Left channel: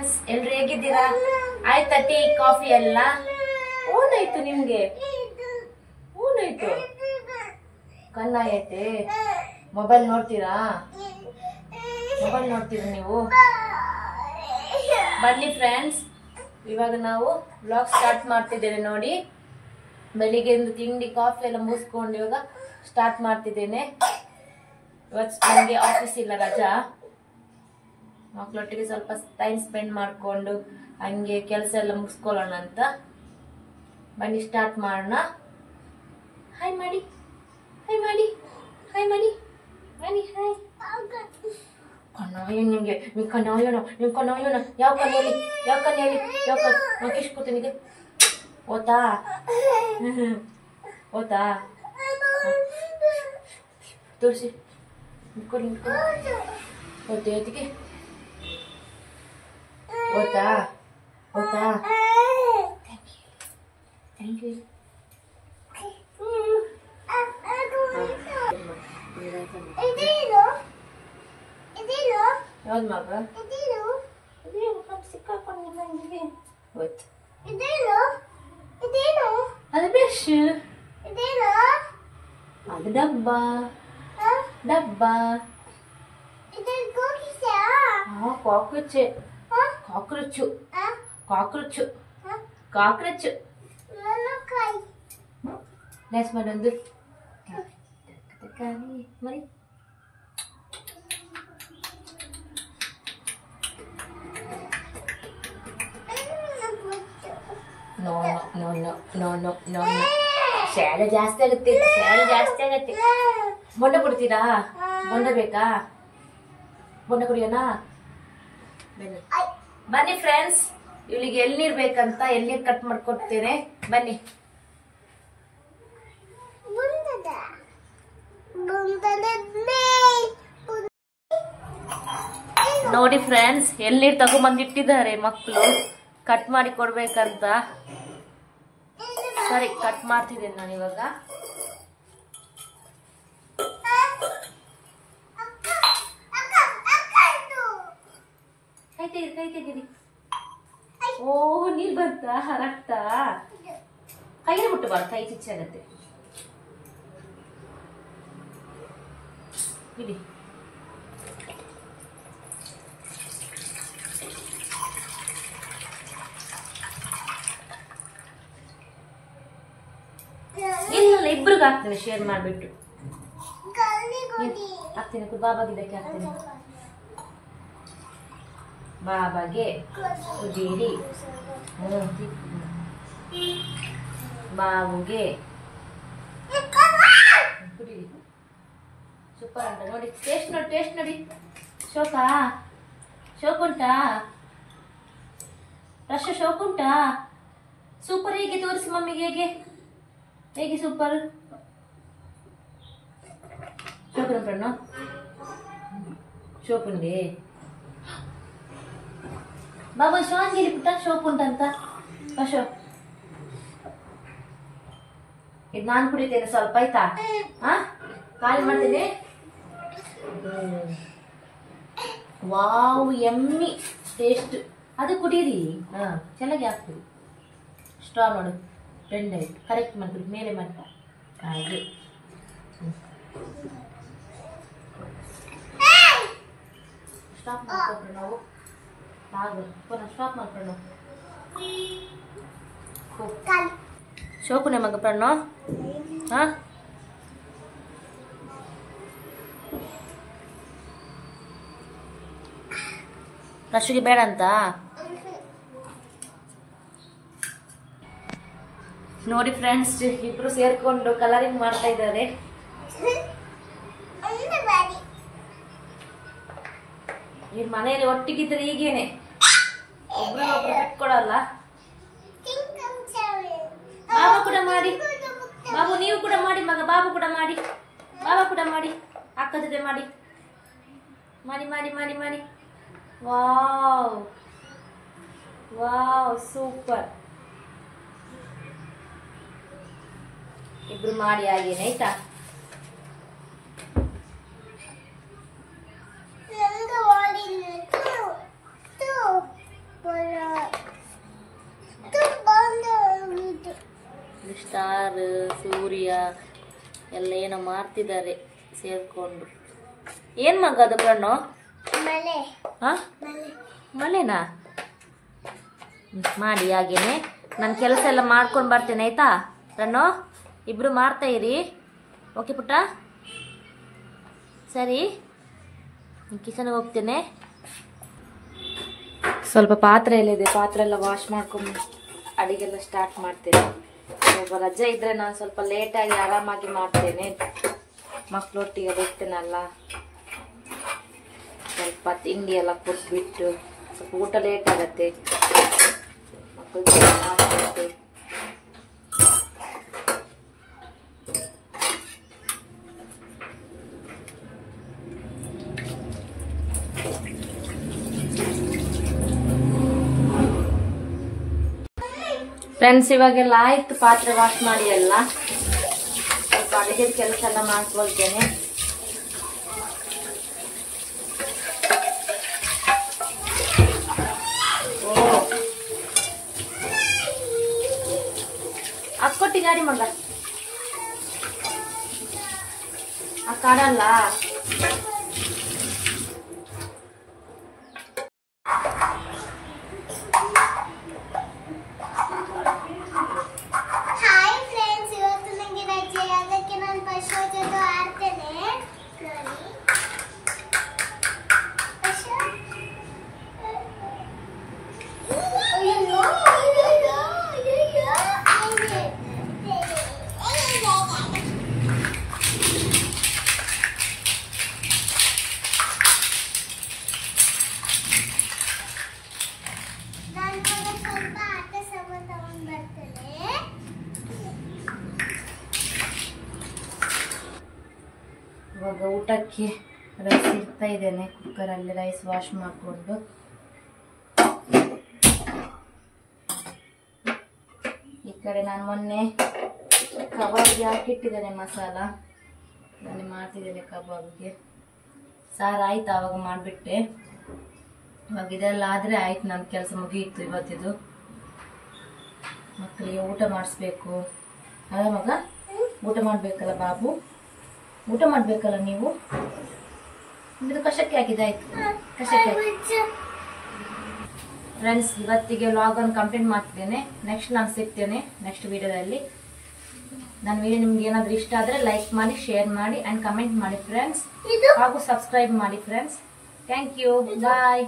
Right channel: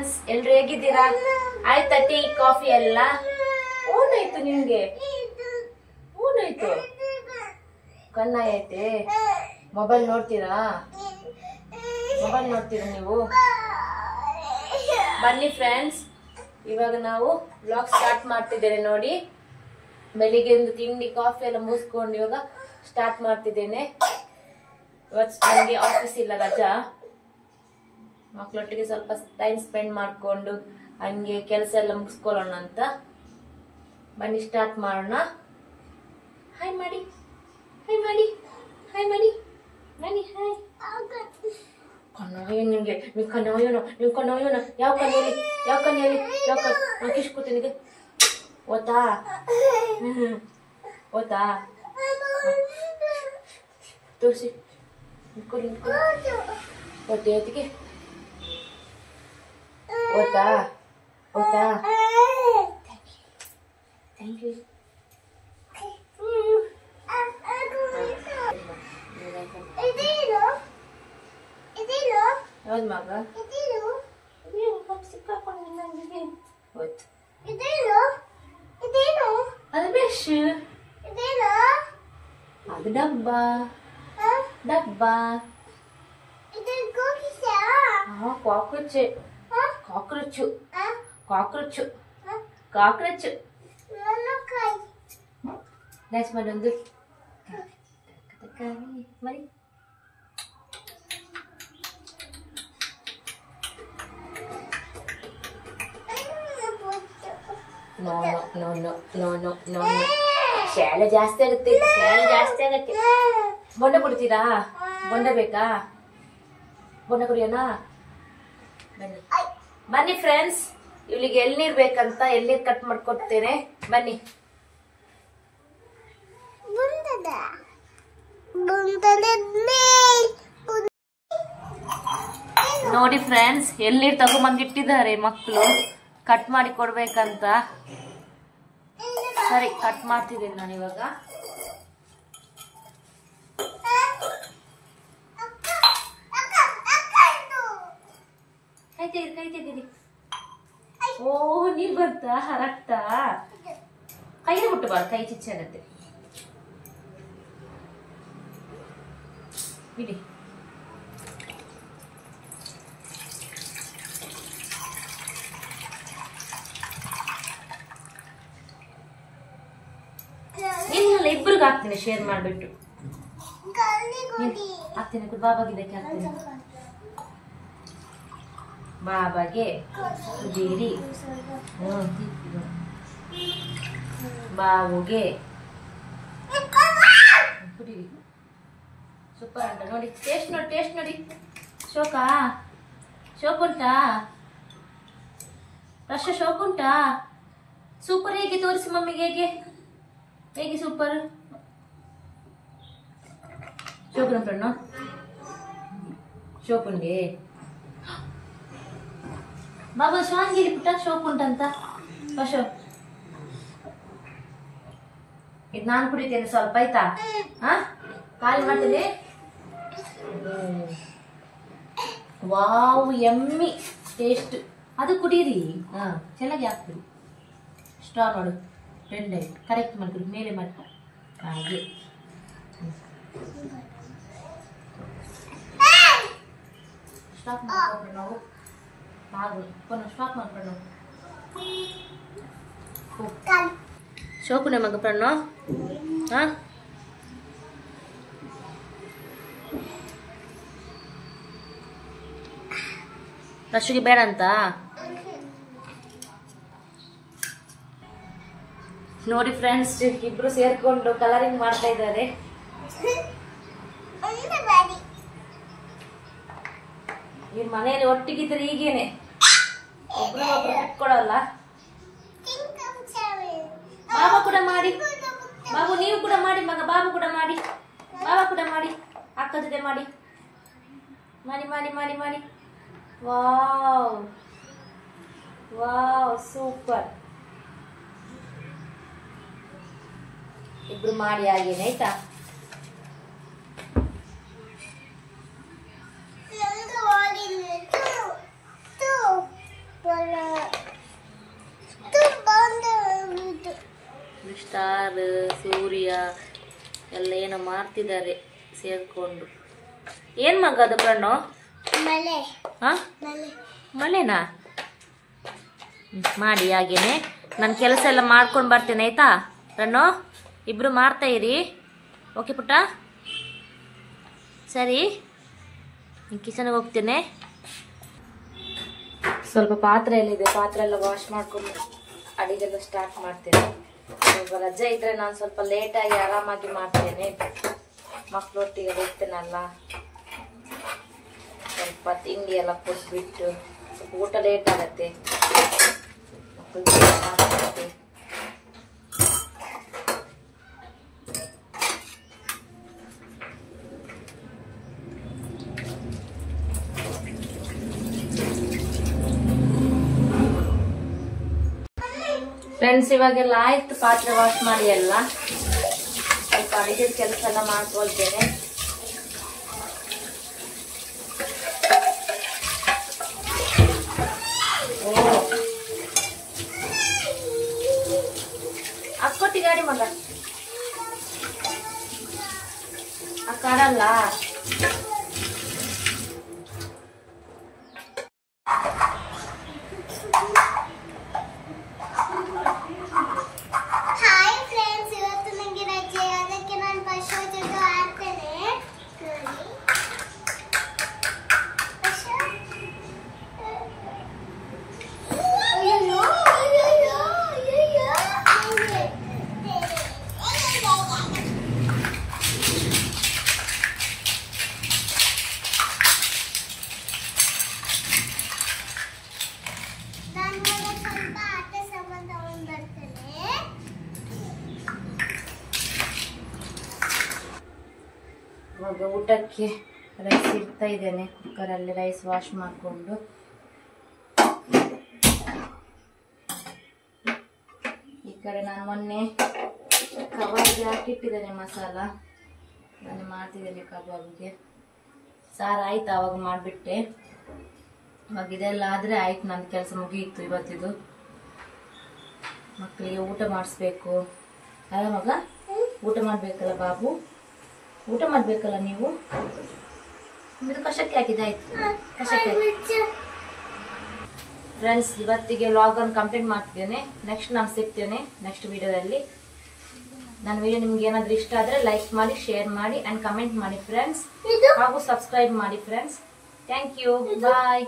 Friends, ಎಲ್ರು ಹೇಗಿದ್ದೀರಾ? ಆಯ್ತಾ ಟೀ ಕಾಫಿ ಎಲ್ಲ? ಊನಾಯ್ತು ನಿಮ್ಗೆ? ಊನಾಯ್ತು? ಕಣ್ಣಾಯೈತೆ? ಮೊಬೈಲ್ ನೋಡ್ತೀರಾ? ಮೊಬೈಲ್ ನೋಡ್ತೀರಾ ನೀವು? ಬನ್ನಿ ಫ್ರೆಂಡ್ಸ್, ಇವಾಗ ನಾವು ವ್ಲಾಗ್ ಸ್ಟಾರ್ಟ್ ಮಾಡ್ತಿದ್ದೇವೆ ನೋಡಿ. ಬೆಳಿಗ್ಗೆ ಒಂದು ತಿಂಡಿ ಕಾಫಿ ಎಲ್ಲ ಮುಗಿಸ್ಕೊಂಡು ಇವಾಗ ಸ್ಟಾರ್ಟ್ ಮಾಡ್ತಿದ್ದೇನೆ. ಇವತ್ತು ನನಗೆ ಆಫೀಸ್ ಇಲ್ಲ, ರಜಾ. ಮಕ್ಕಳೊಟ್ಟಿಗೆ ಸ್ವಲ್ಪ ಟೈಮ್ ಸ್ಪೆಂಡ್ ಮಾಡಿಕೊಂಡು ಹಂಗೆ ಕೆಲಸ ಎಲ್ಲ ಮುಗಿಸ್ಕೊಳ್ಳೋಣ ಅಂತ. ಬನ್ನಿ ಸ್ಟಾರ್ಟ್ ಮಾಡೋಣ. ಹಾಯ್ ಮಾಡಿ, ಹಾಯ್ ಮಾಡಿ, ಹಾಯ್ ಮಾಡಿ, ಬನ್ನಿ ಹಾಯ್. ಕಣ್ಣಾಯ ನಿಮ್ಗೆ, ನೀವು ಕಣ್ಣಾಯೋಣ, ನೀವು ಕಣ್ಣಾಯೋಣ. ಯಾವ ಕಣ್ಣು ಹೇಳಿ, ಯಾವ ಕಣ್ಣು ಹೇಳಿ, ಯಾವ ಕಣ್ಣು? ನಾನು ಕಿಸ್ಕೊತೀನಿ. ಓತಾ ಓತಾ ತೋರಿಸಿ, ನಿಂತ್ಕೊಳ್ಳಿ ನಿಂತ್ಕೊಳ್ಳಿ. ಓದ್ತೆ ಓದಿಗೆ ಓತಾ ಓತಾ. Thank you. ಯಾವ್ದು ಮಗ? ಅದು ಬ್ರಷ್, ಅದು ಡಬ್ಬ, ಡಬ್ಬ. ಕಾಕ್ರೋಚ್, ಕಾಕ್ರೋಚು, ಕಾಕ್ರೋಚು, ಕಾಕ್ರೋಚು. ಡ್ಯಾನ್ಸ್ ಮಾಡೊಂದು ಮರಿ. No no no no no no. ಶಾಲೆ ಜಾಸ್ತಿ ಆಗುತ್ತೆ, ಶಾಲೆ ಜಾಸ್ತಿ ಆಗುತ್ತೆ. ಬೊಂಡ ಬಿಡ್ತೀರಾ? ಬೊಂಡ ಬೇಕಾ? ಬೊಂಡ ಕುಡಿಯೋಣ? ಬನ್ನಿ ಬನ್ನಿ ಫ್ರೆಂಡ್ಸ್, ಇವಳಿಗೆ ಎಳ್ನೀರ್ ಬೇಕಂತ ಎಳ್ನೀರ್ ಕಟ್ ಮಾಡ್ಕೊಡ್ತೇನೆ. ಬನ್ನಿ. ನೋಡಿ ಫ್ರೆಂಡ್ಸ್, ಎಳ್ನೀರ್ ತಗೊಂಬಂದಿಟ್ಟಿದ್ದಾರೆ ಮಕ್ಕಳು ಕಟ್ ಮಾಡಿ ಕೊಡ್ಬೇಕಂತ. ಸರಿ, ಕಟ್ ಮಾಡ್ತಿದ್ದೇನೆ ನಾನು ಇವಾಗ. ಕೈ ತೆಗೀರಿ, ಕೈ ತೆಗೀರಿ. ಓ, ನೀರ್ ಬರ್ತಾ ರಕ್ತ? ಕೈಗೆ ಮುಟ್ಟಬಾರ್ದು, ಕೈ ಚಿಚ್ಚಾಗತ್ತೆ. ಇಡಿ. ಇಲ್ಲ, ಇಬ್ರಿಗೆ ಹಾಕ್ತೇನೆ ಶೇರ್ ಮಾಡ್ಬಿಟ್ಟು ಹಾಕ್ತೇನೆ. ಬಾಬಾಗೆ ಇದಕ್ಕೆ ಹಾಕ್ತೇನೆ. ಬಾಬಾಗೆ ಕುದೀರಿ, ಬಾಬುಗೆ ಕುಡೀರಿ. ಸೂಪರ್ ಅಂತ ನೋಡಿ. ಟೇಸ್ಟ್ ನೋಡಿ, ಟೇಸ್ಟ್ ನೋಡಿ. ಶೋಕಾ, ಶೋಕ್ ಉಂಟಾ? ರಶ ಶೋಕ್ ಉಂಟಾ? ಸೂಪರ್. ಹೇಗೆ ತೋರಿಸಿ ಮಮ್ಮಿಗೆ, ಹೇಗೆ ಹೇಗೆ ಸೂಪರ್? ಶೋಕನ ಫ್ರೆಂಡ್ ಶೋಕುಂಡೆ. ಬಾಬಾ ಶ್ವಾನ್ ಹೇಳಿ ಪುಟ್ಟ, ಶೋಕ್ ಉಂಟಂತ. ಅಶೋ, ಇದು ನಾನು ಕುಡಿತೇನೆ ಸ್ವಲ್ಪ, ಆಯ್ತಾ? ಹಾ, ಖಾಲಿ ಮಾಡ್ತೇನೆ. Wow, yummy taste. ಅದು ಕುಡೀರಿ. ಹಾ, ಚೆನ್ನಾಗಿ ಆಗ್ತದೆ. ಸ್ಟ್ರಾ ನೋಡಿ, ಫ್ರೆಂಡ್ ಆಯ್ತು. ಕರೆಕ್ಟ್ ಮಾಡ್ತೀವಿ, ಮೇಲೆ ಮಾಡಿ ಹಾಗೆ. ಸ್ಟಾಪ್ ಮಾಡ್ಕೊಂಡ್ರೆ ನಾವು ಹಾಗೆ ಪುನಃ ಸ್ಟಾಪ್ ಮಾಡ್ಕೊಂಡು ಶೋಕುನೆ ಮಗ ಪ್ರಣೋ. ಹಾ, ರಶಿಗೆ ಬೇಡ ಅಂತ ನೋಡಿ ಫ್ರೆಂಡ್ಸ್. ಇಬ್ರು ಸೇರ್ಕೊಂಡು ಕಲರಿಂಗ್ ಮಾಡ್ತಾ ಇದ್ದಾರೆ. ಈ ಮನೆಯಲ್ಲಿ ಒಟ್ಟಿಗಿದ್ರೆ ಹೀಗೇನೆ, ಒಬ್ರಿಗೊಬ್ರು ಬಿಟ್ಕೊಡಲ್ಲ. ಬಾಬಾ ಕೂಡ ಮಾಡಿ, ಬಾಬು ನೀವು ಕೂಡ ಮಾಡಿ ಮಗ. ಬಾಬು ಕೂಡ ಮಾಡಿ, ಬಾಬಾ ಕೂಡ ಮಾಡಿ, ಅಕ್ಕ ಜೊತೆ ಮಾಡಿ ಮಾಡಿ ಮಾಡಿ ಮಾಡಿ ಮಾಡಿ. Wow wow, super. ಇಬ್ರು ಮಾಡಿ ಆಗೇನೆ, ಆಯ್ತಾ? ಸಾರು ಸೂರ್ಯ ಎಲ್ಲ ಏನೋ ಮಾಡ್ತಿದ್ದಾರೆ ಸೇರ್ಕೊಂಡು. ಏನು ಮಗ ಅದು ಕಣ್ಣು? ಹಾಂ ಮಳೆನಾ? ಮಾಡಿ ಹಾಗೇನೆ. ನಾನು ಕೆಲಸ ಎಲ್ಲ ಮಾಡ್ಕೊಂಡು ಬರ್ತೇನೆ ಆಯ್ತಾ ಕಣ್ಣು? ಇಬ್ರು ಮಾಡ್ತಾ ಇರಿ. ಓಕೆ ಪುಟ್ಟ, ಸರಿ. ಕಿಚನ್ಗೆ ಹೋಗ್ತೇನೆ. ಸ್ವಲ್ಪ ಪಾತ್ರೆ ಎಲ್ಲ ಇದೆ, ಪಾತ್ರೆ ಎಲ್ಲ ವಾಶ್ ಮಾಡ್ಕೊಂಡು ಅಡಿಗೆಲ್ಲ ಸ್ಟಾರ್ಟ್ ಮಾಡ್ತೇನೆ. ಸ್ವಲ್ಪ ರಜೆ ಇದ್ರೆ ನಾನು ಸ್ವಲ್ಪ ಲೇಟಾಗಿ ಆರಾಮಾಗಿ ಮಾಡ್ತೇನೆ. ಮಕ್ಕಳೊಟ್ಟಿಗೆ ಹೋಗ್ತೇನಲ್ಲ, ಸ್ವಲ್ಪ ತಿಂಡಿ ಎಲ್ಲ ಕೊಟ್ಬಿಟ್ಟು ಸ್ವಲ್ಪ ಊಟ ಲೇಟ್ ಆಗತ್ತೆ. ಫ್ರೆಂಡ್ಸ್, ಇವಾಗೆಲ್ಲ ಆಯ್ತು ಪಾತ್ರೆ ವಾಶ್ ಮಾಡಿ ಎಲ್ಲ. ಸ್ವಲ್ಪ ಅಡಿಗೆ ಕೆಲಸ ಎಲ್ಲ ಮಾಡ್ಕೊಳ್ತೇನೆ. ಅಕ್ಕೊಟ್ಟಿ ಗಾಡಿ ಮಗ ಕಾಡಲ್ಲ. ಇವಾಗ ಊಟಕ್ಕೆ ರೈಸ್ ಇಡ್ತಾ ಇದ್ದೇನೆ. ಕುಕ್ಕರಲ್ಲಿ ರೈಸ್ ವಾಶ್ ಮಾಡಿಕೊಂಡು. ಈ ಕಡೆ ನಾನು ಮೊನ್ನೆ ಕಬಾಬ್ಗೆ ಹಾಕಿಟ್ಟಿದ್ದೇನೆ ಮಸಾಲ. ನಾನು ಮಾಡ್ತಿದ್ದೇನೆ ಕಬಾಬ್ಗೆ. ಸಾರು ಆಯ್ತು, ಆವಾಗ ಮಾಡಿಬಿಟ್ಟೆ. ಇವಾಗ ಇದೆಲ್ಲ ಆದರೆ ಆಯ್ತು, ನನ್ನ ಕೆಲಸ ಮುಗಿಯಿತು ಇವತ್ತಿದು. ಮಕ್ಕಳಿಗೆ ಊಟ ಮಾಡಿಸ್ಬೇಕು ಅಲ್ಲ ಮಗ? ಊಟ ಮಾಡಬೇಕಲ್ಲ ಬಾಬು, ಊಟ ಮಾಡಬೇಕಲ್ಲ ನೀವು. ಇದು ಕಷಕ್ಕೆ ಹಾಕಿದಾಯ್ತು, ಕಷಕ್ಕೆ. ಫ್ರೆಂಡ್ಸ್, ಇವತ್ತಿಗೆ ವ್ಲಾಗನ್ನು ಕಂಪ್ಲೀಟ್ ಮಾಡ್ತಿದ್ದೇನೆ. ನೆಕ್ಸ್ಟ್ ನಾನು ಸಿಗ್ತೇನೆ ನೆಕ್ಸ್ಟ್ ವಿಡಿಯೋದಲ್ಲಿ. ನನ್ನ ವಿಡಿಯೋ ನಿಮ್ಗೆ ಏನಾದರೂ ಇಷ್ಟ ಆದರೆ ಲೈಕ್ ಮಾಡಿ, ಶೇರ್ ಮಾಡಿ ಆ್ಯಂಡ್ ಕಮೆಂಟ್ ಮಾಡಿ ಫ್ರೆಂಡ್ಸ್. ಹಾಗೂ ಸಬ್ಸ್ಕ್ರೈಬ್ ಮಾಡಿ ಫ್ರೆಂಡ್ಸ್. Thank you, bye.